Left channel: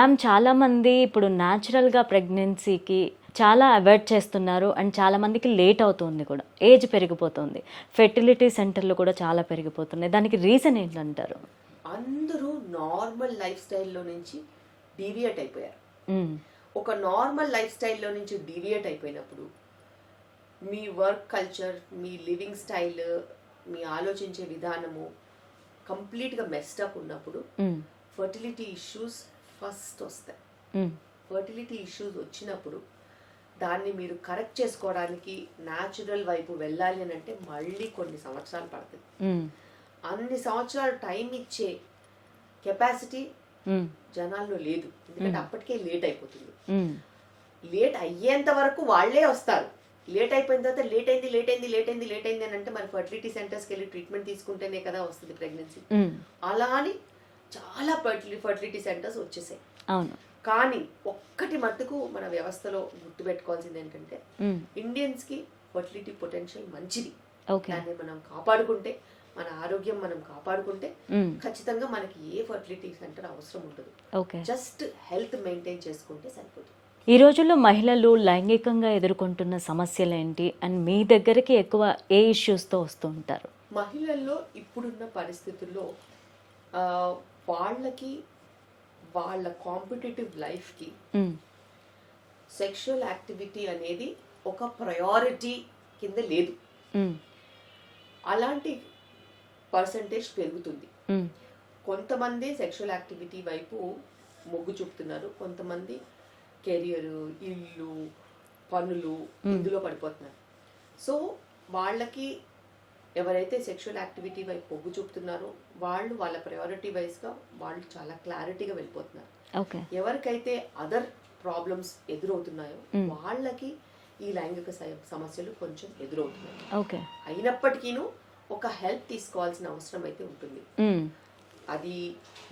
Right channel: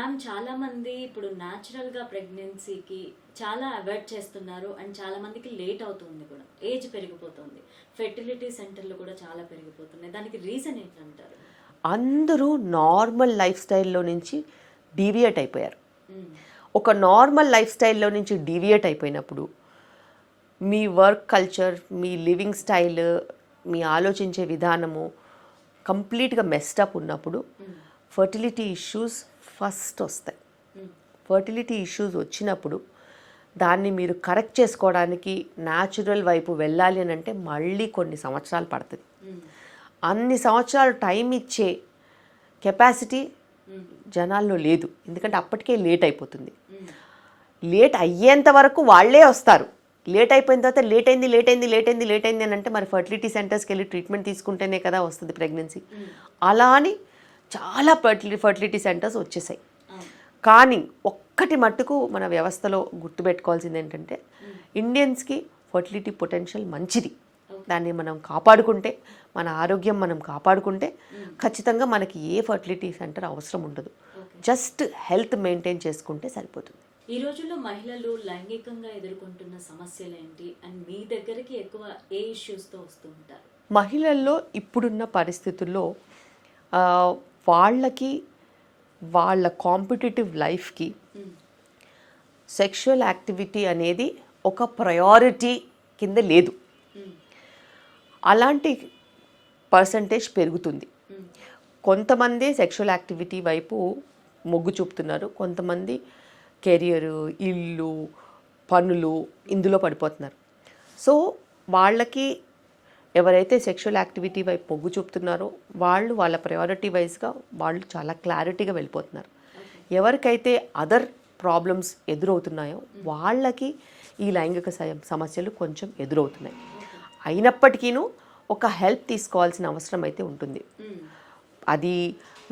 Ma'am చాలామంది ఇప్పుడు న్యాచురల్గా ప్రెగ్నెన్సీకి చాలా అవాయిడ్ చేస్తున్నారు అండ్ చాలామందికి లేట్ అవుతుంది కూడా, ఏజ్ పెరిగిపోతుంది, ఫెర్టిలిటీ సెంటర్లు కూడా చాలా పెరిగిపోతున్నాయి. దానికి రీజన్ ఏంటంటారు? అందరూ నార్మల్ లైఫ్ స్టైల్లో నుంచి డీవియేట్ అయిపోయారు. మ్మ్. ఒక నార్మల్ లైఫ్ స్టైల్లో నుంచి డీవియేట్ అయిపోయినప్పుడు మీ వర్క్ కల్చర్, మీ లివింగ్ స్టైల్, మీ ఆలోచించే విధానము కంప్లీట్గా మెస్టప్ ఉన్నప్పుడు ఫర్టిలిటీ ఇష్యూస్ ఫస్ట్ వస్తాయి. ఫర్టిలిటీ ఇష్యూస్ వచ్చినప్పుడు దాన్ని మీరు కరెక్ట్ చేసుకోవడానికి న్యాచురల్ వైపు వెళ్ళాలి అని అంటే మళ్ళీ కొన్ని సంవత్సరాలు పడుతుంది. అన్ని సంవత్సరాలు టైం ఇచ్చే కెపాసిటీ జనాల్లో లేదు, ఎందుకంటే అప్పటికే లేట్ అయిపోతుంది. లేట్ అయ్యేంత వరకు వాళ్ళే వస్తారు. లేట్ అయిపోయిన తర్వాత లేట్ అయింది అని అంటే మరి ఫర్టిలిటీ సెంటర్స్కి వెళ్ళి ట్రీట్మెంట్ తీసుకుంటేనే కదా వస్తుంది ప్రెగ్నెన్సీ. అలా అని చాలా ఫర్టిలిటీ సెంటర్స్ వచ్చేసాయి. కానీ ఒక్కటి మట్టుకు మన వ్యవస్థలో గుర్తుపెట్టుకోవాల్సింది ఏంటంటే ఇండియన్స్కి ఫర్టిలిటీ పొటెన్షియల్ మంచిది. దాన్ని మనం కాపాడుకుంటే, మన ఆరోగ్యం మనం కాపాడుకుంటే ఖచ్చితంగా మనకి ఏ ఫర్టిలిటీ సెంటర్ అవసరం ఉండదు. జస్ట్ హెల్త్ మెయింటైన్ చేసుకుంటే సరిపోతుంది. ఈ రోజుల్లో మహిళలు లైంగికంగా ఎదుర్కొంటున్న సమస్యలు ఏంటి అండ్ మీ దగ్గరికి ఎక్కువ ఏ ఇష్యూస్తో వస్తూ ఉంటారు? మహిళల్లో ఇప్పుడున్న పరిస్థితుల్లో వాళ్ళకి వాళ్ళ కాంపిటేటివ్ లైఫ్కి సెక్షువల్ యాక్టివిటీ అనేది ఒక ప్రయారిటీ కింద లేదు. అలాంటి పర్సంటేజ్ పెరుగుతుంది. కొంతమంది సెక్షువల్ యాక్టివిటీ వైపు మొగ్గు చూపుతున్నారు, కొంతమంది కెరియర్, ఇల్లు, పనులు ఇందులో పడిపోతున్నారు. సో వాళ్ళకి ఎవరైతే సెక్షువల్ యాక్టివిటీ వైపు మొగ్గు చూపుతున్నారో వాళ్ళు వాళ్ళ ప్రయారిటీ వైజ్గా వాళ్ళు చాలా క్లారిటీగా వెళ్ళిపోతున్నారు. ఎవరికైతే అదర్ ప్రాబ్లమ్స్ ఎదురవుతున్నాయో వాళ్ళకి ఈ లైంగిక సమస్యలు కొంచెం ఎదురవుతున్నాయి. అయినప్పటికీను ఒక హెల్ప్ తీసుకోవాల్సిన అవసరం అయితే ఉంటుంది. అది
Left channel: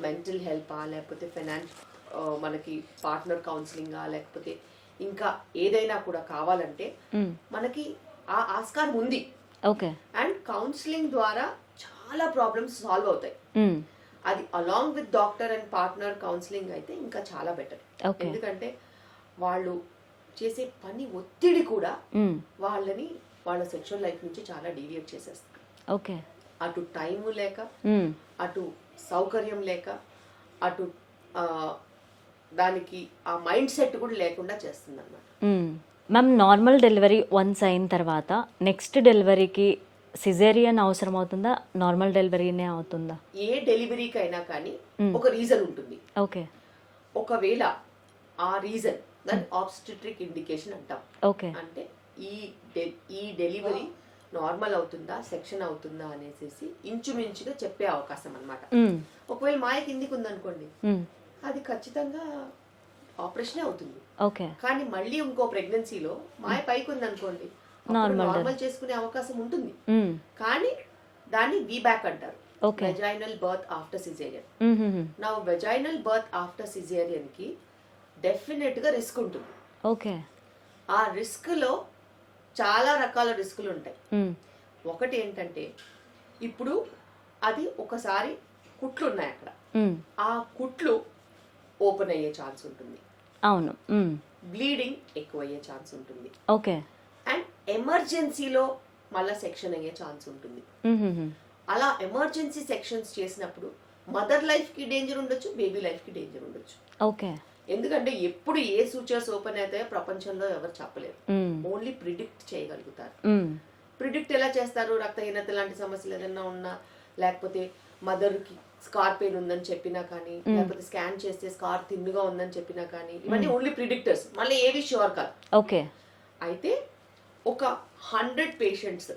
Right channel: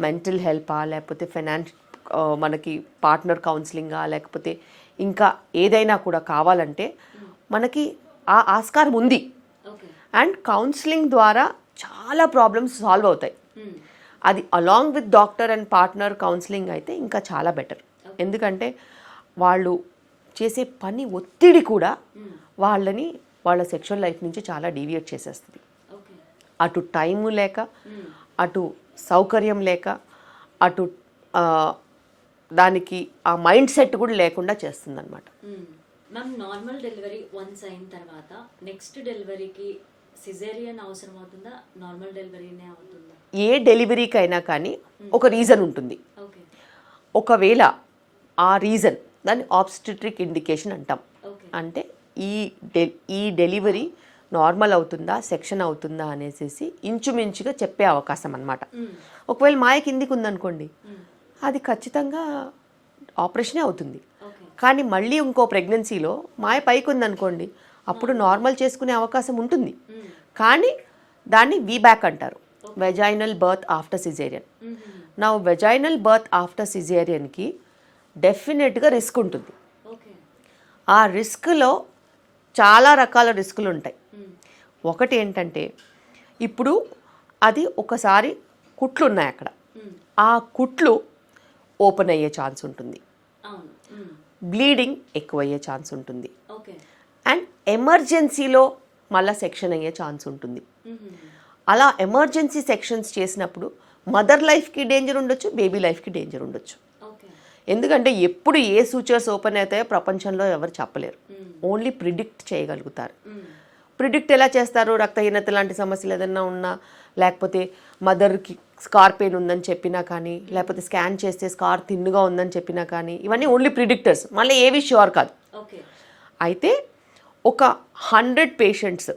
మెంటల్ హెల్పా, లేకపోతే మనకి పార్ట్నర్ కౌన్సిలింగా, లేకపోతే ఇంకా ఏదైనా కూడా కావాలంటే మనకి ఆ ఆస్కారం ఉంది. అండ్ కౌన్సిలింగ్ ద్వారా చాలా ప్రాబ్లమ్స్ సాల్వ్ అవుతాయి. అది along with doctor and partner counselling అయితే ఇంకా చాలా బెటర్. ఎందుకంటే వాళ్ళు చేసే పని ఒత్తిడి కూడా వాళ్ళని వాళ్ళ సెక్షువల్ లైఫ్ నుంచి చాలా డీవియేట్ చేసేస్తుంది. అటు టైము లేక, అటు సౌకర్యం లేక, అటు దానికి ఆ మైండ్ సెట్ కూడా లేకుండా చేస్తుంది అనమాట. మ్యామ్, నార్మల్ డెలివరీ వన్స్ అయిన తర్వాత నెక్స్ట్ డెలివరీకి సిజేరియన్ అవసరం అవుతుందా, నార్మల్ డెలివరీనే అవుతుందా? ఏ డెలివరీకైనా కానీ ఒక రీజన్ ఉంటుంది. ఒకవేళ ఆ రీజన్ దాన్ని ఆబ్స్టెట్రిక్ ఇండికేషన్ అంటాం. అంటే ఈ డెలివరీ నార్మల్ అవుతుందా, సెక్షన్ అవుతుందా అనేసి ఇంచుమించుగా చెప్పే అవకాశం అన్నమాట. ఒకవేళ మాయ కిందికి ఉందనుకోండి, అది ఖచ్చితంగా ఆపరేషనే అవుతుంది. కానీ మళ్ళీ ఇంకో ప్రెగ్నెన్సీలో మాయ పైకి ఉందనుకోండి, అప్పుడు నార్మల్ చేసుకునే అవకాశం ఉంటుంది. కానీ దాన్ని వీబ్యాక్ అంటారు, వెజైనల్ బర్త్ ఆఫ్టర్ సిజేరియన్. నా వెజైనల్ బర్త్ ఆఫ్టర్ సిజేరియన్కి డెఫినెట్గా రిస్క్ ఉంటుంది. ఆ రిస్క్లో చాలా రకాల రిస్కులు ఉంటాయి. ఒకటి ఏంటంటే, ఇప్పుడు అది ఒకసారి కుట్లు ఉన్నాయి అక్కడ, ఆ కుట్లు ఓపెన్ అయ్యే ఛాన్స్ ఉంటుంది. అవును, బ్లీడింగ్ ఎక్కువ అయ్యే ఛాన్స్ ఉంటుంది. అండ్ ఎమర్జెన్సీలో మళ్ళీ సెక్షన్ అయ్యే ఛాన్స్ ఉంటుంది. అలా ఎమర్జెన్సీ సెక్షన్స్ చేసినప్పుడు మదర్ లైఫ్కి డేంజర్ ఉండొచ్చు, బేబీ లైఫ్కి డేంజర్ ఉండొచ్చు. ఎందుకంటే ఎప్పుడు ఏ సూచర్స్ ఓపెన్ అవుతాయో ప్రపంచంలో ఎవరు చెప్పలేరు, ఓన్లీ ప్రిడిక్ట్ చేయగలుగుతారు. ప్రిడిక్ట్ ఎలా చేస్తారు? రక్తహీనత లాంటి సమస్యలు ఏదైనా ఉన్నా, లేకపోతే మదర్కి స్కార్ పెయిన్ ఉందని చెప్పినా కానీ, లేకపోతే స్కాన్ చేస్తే స్కార్ థిన్గా ఉందని చెప్పినా కానీ, ఇవన్నీ ఓన్లీ ప్రిడిక్టర్స్, మళ్ళీ ఏవి ష్యూర్ కాదు. అయితే ఒక 100 పేషెంట్స్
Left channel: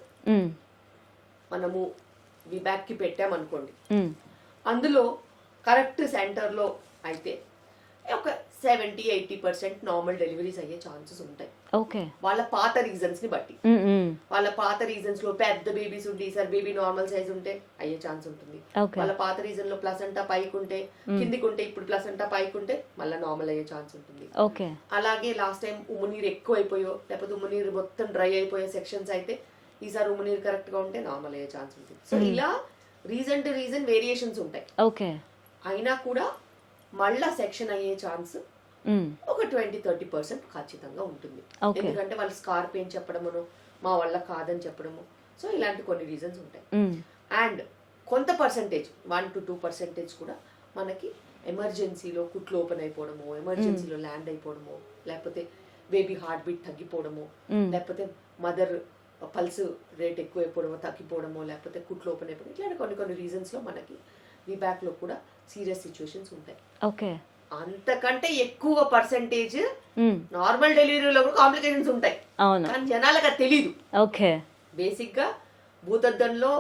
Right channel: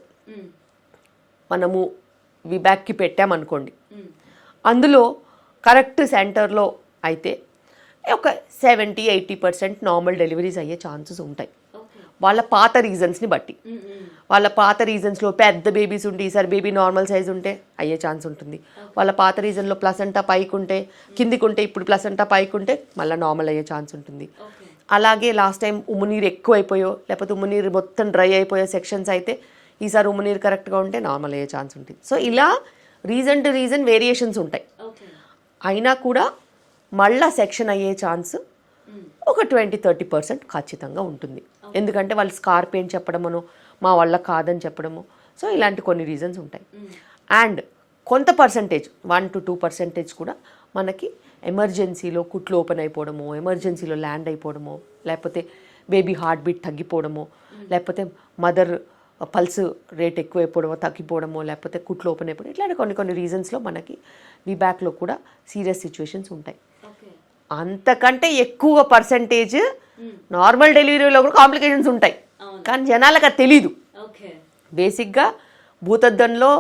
మనము విబ్యాక్కి పెట్టామనుకోండి, అందులో కరెక్ట్ సెంటర్లో అయితే ఒక 70-80% నార్మల్ డెలివరీస్ అయ్యే ఛాన్సెస్ ఉంటాయి. వాళ్ళ పాత రీజన్స్ని బట్టి. వాళ్ళ పాత రీజన్స్లో పెద్ద బేబీస్ ఉంటే ఈసారి బేబీ నార్మల్ సైజ్ ఉంటే అయ్యే ఛాన్స్ ఉంటుంది. వాళ్ళ పాత రీజన్లో ప్లసెంటా పైకి ఉంటే, కిందికి ఉంటే ఇప్పుడు ప్లసెంటా పైకి ఉంటే మళ్ళీ నార్మల్ అయ్యే ఛాన్స్ ఉంటుంది. అలాగే లాస్ట్ టైం ఉమ్మునీరు ఎక్కువైపోయో, లేకపోతే ఉమ్మునీరు మొత్తం డ్రై అయిపోయే సెక్షన్స్ అయితే ఈసారి ఉమ్మునీరు కరెక్ట్గా ఉంటే నార్మల్ అయ్యే ఛాన్స్ ఉంటుంది. సో ఇలా రీజన్ టు రీజన్ వేరియేషన్స్ ఉంటాయి. అయినా కూడా మళ్ళా సెక్షన్ అయ్యే ఛాన్స్ ఒక 20-30% ఖచ్చితంగా ఉంటుంది. ఎందుకంటే వాళ్ళు స్కార్ పెయిన్ చెప్పడమను, మా వల్ల కాదని చెప్పడము, సో ఇలాంటి కొన్ని రీజన్స్ ఉంటాయి. అండ్ కొంత పర్సంటేజ్ 1-2% కూడా మనకి ఎమర్జెన్సీలో కుట్లు ఓపెన్ అయిపోవడము, ఎమర్జెన్సీలో ల్యాండ్ అయిపోవడము, లేకపోతే బేబీ హార్ట్ బీట్ తగ్గిపోవడము, లేకపోతే మదర్ పల్స్ రేట్ ఎక్కువైపోవడమో తగ్గిపోవడమో, లేకపోతే కుట్లు ఓపెన్ అయిపోవడం, ఇట్లాంటి కొన్ని రీజన్స్లో మనకి విబ్యాక్లో కూడా సీరియస్ సిచ్యువేషన్స్ ఉంటాయి. ఓకే, అంతకంటే ఎక్కువ పర్సంటేజ్ నార్మల్ డెలివరీలో కూడా కాంప్లికేషన్స్ ఉంటాయి, కానీ జనాలకు అది తెలీదు. ఓకే, బేసిక్గా భూతద్దంలో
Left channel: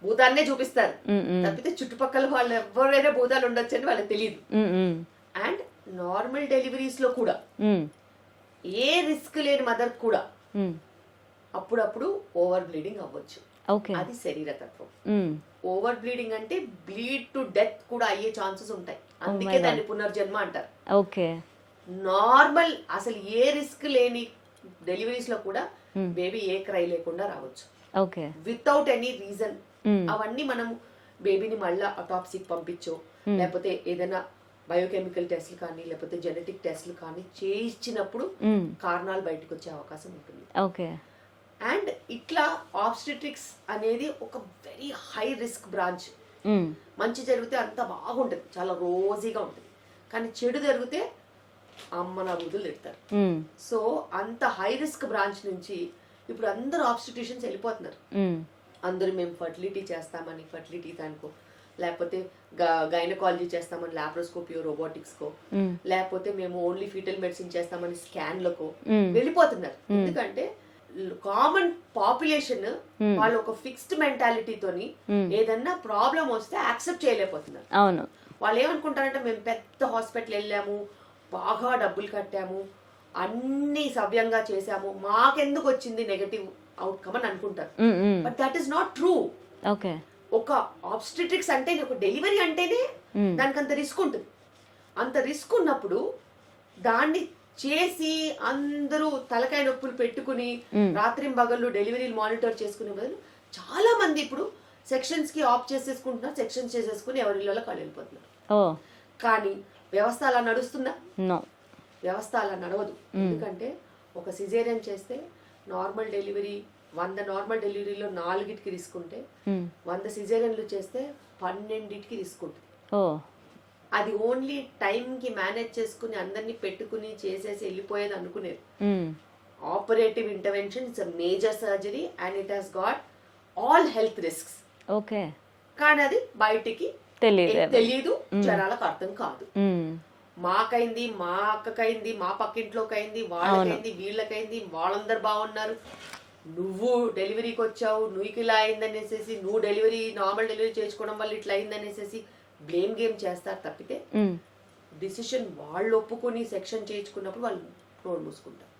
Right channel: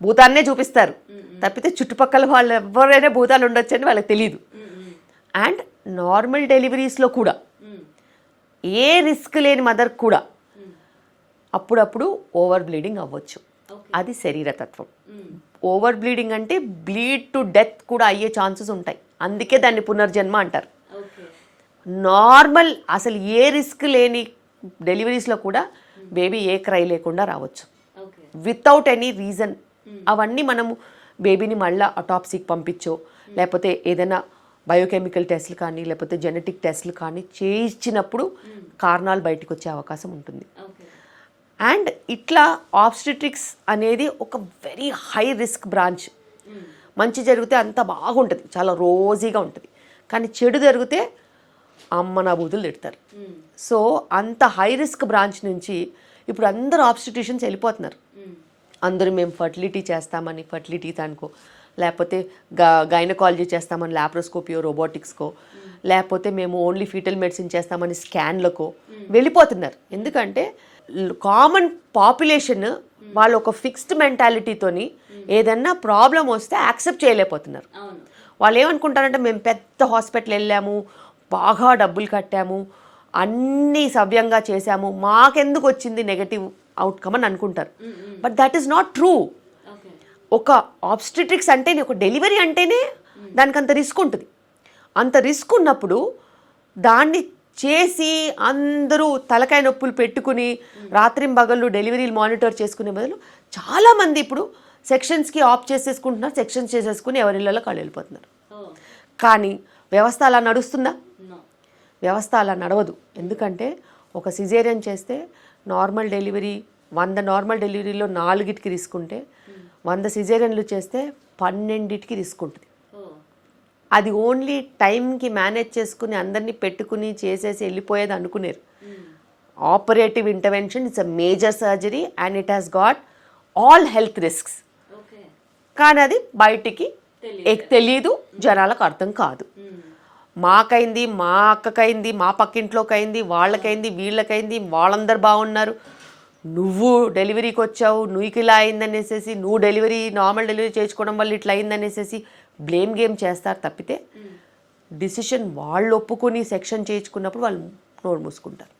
భూతాన్నే చూపిస్తారు తప్పితే చుట్టుపక్కల వాళ్ళు ఎవరైనా భూతాలు ఉండొచ్చు అని వాళ్ళకి తెలియదు. అండ్ నార్మల్ డెలివరీస్లో కూడా ఏ రిస్క్ లేని మదర్ కూడా అప్పుడప్పుడు ఓవర్ బ్లీడింగ్ అవ్వచ్చు. అది శరీరతత్వం. ఓవర్ బ్లీడింగ్ అంటే బ్లీడ్ టు డెత్ కూడా అయ్యే ఛాన్సెస్ ఉంటాయి, అందుకే దాన్ని పునర్జన్మ అంటారు. ఓకే, నార్మల్ అసలు ఏ రిస్క్ లేని డెలివరీస్లో కూడా బేబీ ఏ క్రై లేకుండా రావచ్చు, వితౌట్ ఎనీ రీజన్. అవన్నీ మనము బేబీని మళ్ళీ అటాప్సీకి పంపించో, లేకపోతే ఏదైనా బయోకెమికల్ టెస్ట్లు కానీ, లేకపోతే జెనెటిక్ టెస్ట్లు కానీ చేయించినప్పుడు కారణాలు బయటకు వచ్చే అవకాశం ఉంటుంది. అండ్ ఇట్లా ఆబ్స్టెట్రిక్స్ అనేది ఒక వెరీ హై రిస్క్ బ్రాంచ్. మంచి జరిగితే అంత బాగుంటుంది, చాలా రోజీగా ఉంటుంది, కానీ చెడు జరిగితే అమ్మ నా బూతులు తిడతారు. సో అంత హై రిస్క్ బ్రాంచ్ నుంచి ఇప్పుడు అందరూ ఆబ్స్టిట్యూషన్స్ వెళ్ళిపోతున్నారు. అందరూ మేము ఫర్టిలిటీ చేస్తామని ఫర్టిలిటీ దానికో, లేకపోతే గైనకాలజీ చేస్తామని ల్యాప్రోస్కోపియో రోబోటిక్స్కో, లేకపోతే మేము ఓన్లీ ఫీటల్ మెడిసిన్ చేస్తామని స్కాన్లకో వెళ్ళిపోతున్నారు. ఎందుకంటే కామన్ పాపులేషన్ వాళ్ళు ఒక ఫిక్స్డ్ మెంటాలిటీతోని ఏదన్నా ప్రాబ్లం వస్తే యాక్సెప్ట్ చేయలేకపోతున్నారు. అవును, వాళ్ళు ఏమనుకుంటారంటే మేము పెద్ద హాస్పిటల్ వెళ్ళాము, బాగా డబ్బులు కట్టాము, అన్నీ సవ్యంగా చేశాము, మాకెందుకు వచ్చింది నెగటివ్ అవుట్కమ్ అని అనుకుంటారు. But that is not true. ఒక ఆబ్స్టెట్రిక్స్ అంటేనే, ఒక డెలివరీ అంటేనే దానికి అంత రిస్క్ ఉంటుంది. అంత రిస్క్ ఉన్నప్పుడు దాన్ని చేసి అందరూ తలకాయ నొప్పులు పెట్టుకుని రాత్రింబగళ్ళు డెలివరీలు మానిటర్ చేసుకునే బదులు చాలా మంది ఇప్పుడు సెక్షన్స్కి ఆఫ్ చేసేసుకుంటున్నారు, సెక్షన్స్ చేసేసుకుని ఎవరిళ్ళలో కాళ్ళు వెళ్ళిపోతున్నారు. కానీ వ్యవస్థ అలా నడుస్తుందా? వ్యవస్థ అలా నడవదు. ఎందుకంటే ఒక సిజేరియన్ చేస్తే నార్మల్ డెలివరీ 100 నార్మల్ డెలివరీలో 4కి రిస్క్ ఉంటే 100 సిజేరియన్లు చేస్తే 12కి రిస్క్ ఉంటుంది. అది ఓన్లీ టైంకి మేనేజ్ చేసుకుని అందరినీ పెట్టుకుని చేసేసి వెళ్ళిపోయేది అనుకునేరు. Operative intervention it's a major surgery and it has got all health risks. కానీ అది బయటికి తెలీదు, జనాలకు అర్థం కాదు. మాకైంది, మా అక్కకైంది, మా పక్కింట్లోకి అయింది, వాళ్ళకైంది, వీళ్ళకైంది, వాళ్ళందరూ బాగున్నారు, నువ్వు డెలివరీకి వచ్చావు, నువ్వుకి ఇలా అయిందనేసేసి, నువ్వు నార్మల్ డెలివరీ చేసుకోవడం వల్ల ఇట్లా అయిందనేసేసి బ్లేమ్ గేమ్ చేస్తారు తప్పితే డిసిషన్ వాళ్ళు ఒప్పుకొని సెక్షన్ చేయించుకున్నప్పుడు వాళ్ళు నోరు మూసుకుంటారు.